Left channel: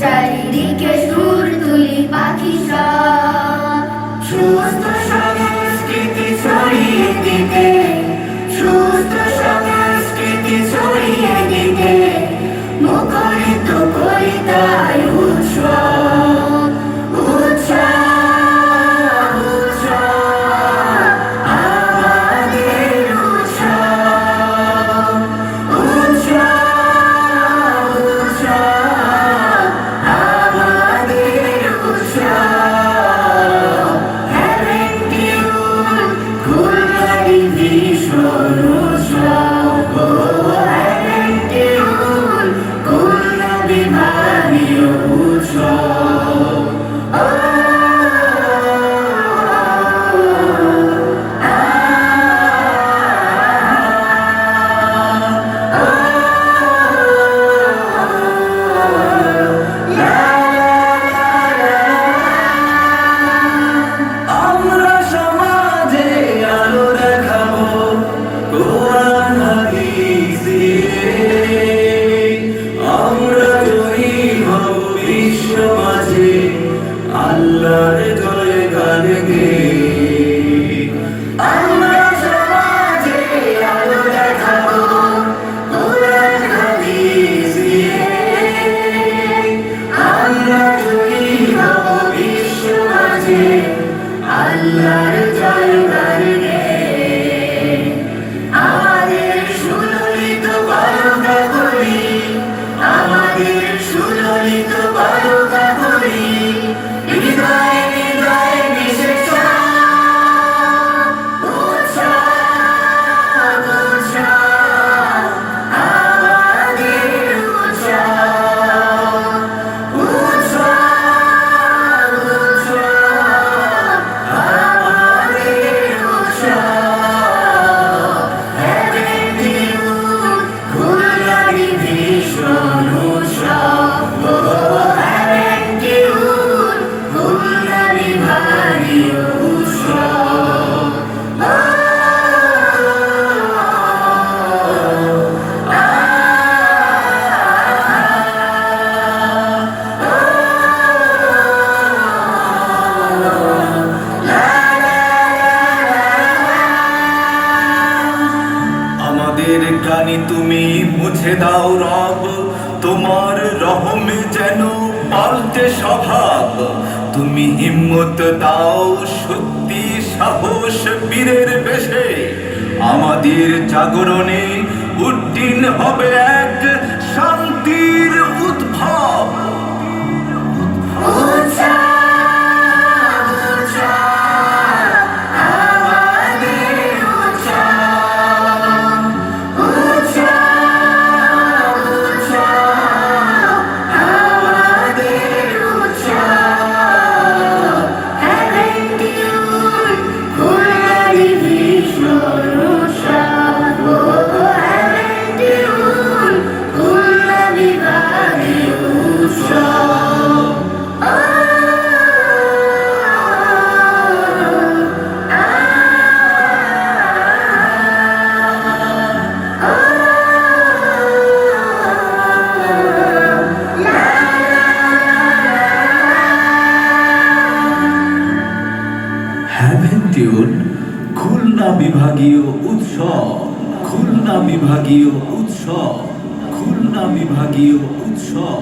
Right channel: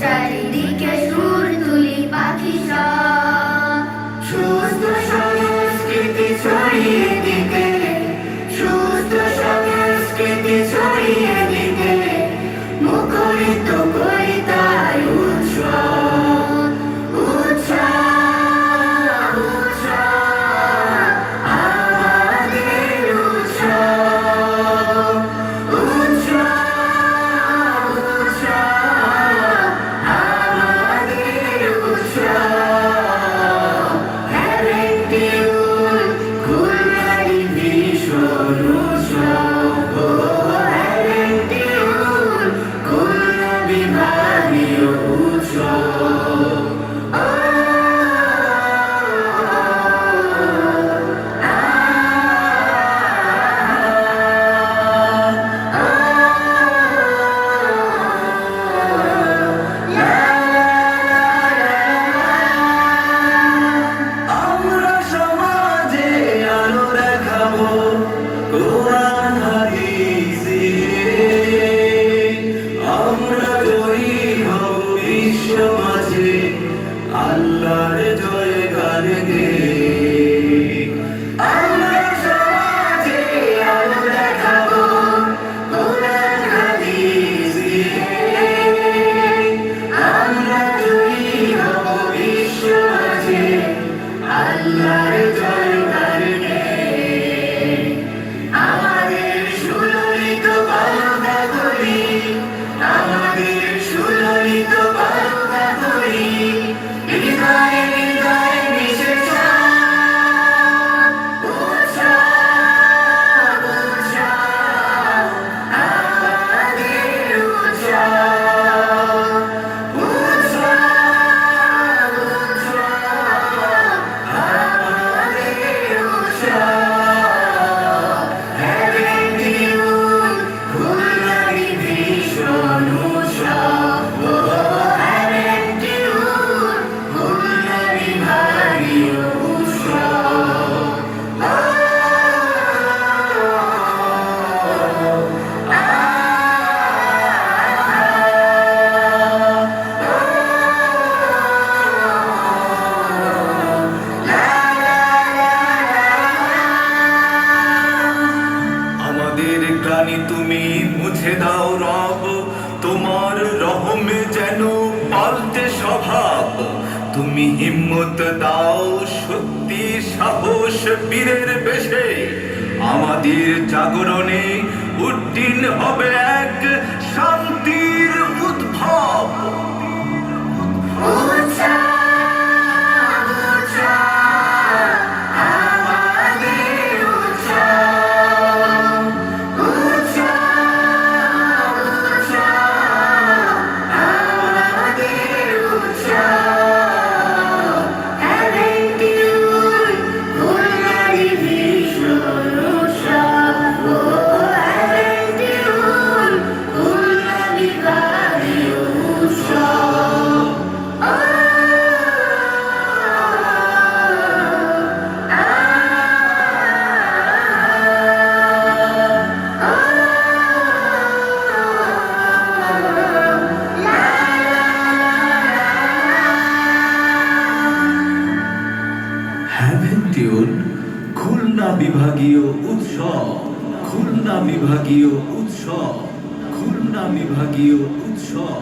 চারিদিকে সুর তুলি পাখি সব, সুস্থ সংস্কৃতি ছড়িয়ে দিতে, সুস্থ সংস্কৃতি ছড়িয়ে দিতে মুখরিত করি তাই উৎসব, উৎসব, উৎসব, আমাদের উৎসব, উৎসব, উৎসব, আমাদের উৎসব। হ্যাভেন্টিউল খুলনারই ভীষণ উৎসব, হ্যাভেন্টিউল খুলনা বিভাগীয় উৎসব। আমরা সমাজে আলো দেখাবো কোরআন হাদিস দিয়ে, আমরা জয়ী হব বিশ্ব মাঝে আল্লাহর জয় গান গেয়ে। আমরা সমাজে আলো দেখাবো কোরআন হাদিস দিয়ে, আমরা জয়ী হব বিশ্ব মাঝে আল্লাহর জয় গান গেয়ে। আমাদের সুললিত বারোটা করি, আমাদের সুললিত বারোটা করি, হৃদয়ে হৃদয়ে মিশে উৎসব, উৎসব, আমাদের উৎসব, উৎসব, উৎসব, আমাদের উৎসব। হ্যাভেন্টিউল খুলনারই ভীষণ উৎসব, হ্যাভেন্টিউল খুলনা বিভাগীয় উৎসব। আমাদের গানি তুমি মুছে দাও রব, তোমার রহমে যেন পাল্টে স্বভাব। তুমি হিম্মত দাও শক্তি সাহস বীরের বেশে, আমাদের জাগরণে উড্ডীন হবে এক শান্তির উদ্ভব। উৎসব, উৎসব, আমাদের উৎসব, উৎসব, উৎসব, আমাদের উৎসব। হ্যাভেন্টিউল খুলনারই ভীষণ উৎসব, হ্যাভেন্টিউল খুলনা বিভাগীয় উৎসব। হ্যাভেন্টিউল খুলনা বিভাগীয় উৎসব, খুলনা বিভাগীয় উৎসব, খুলনা বিভাগীয় উৎসব।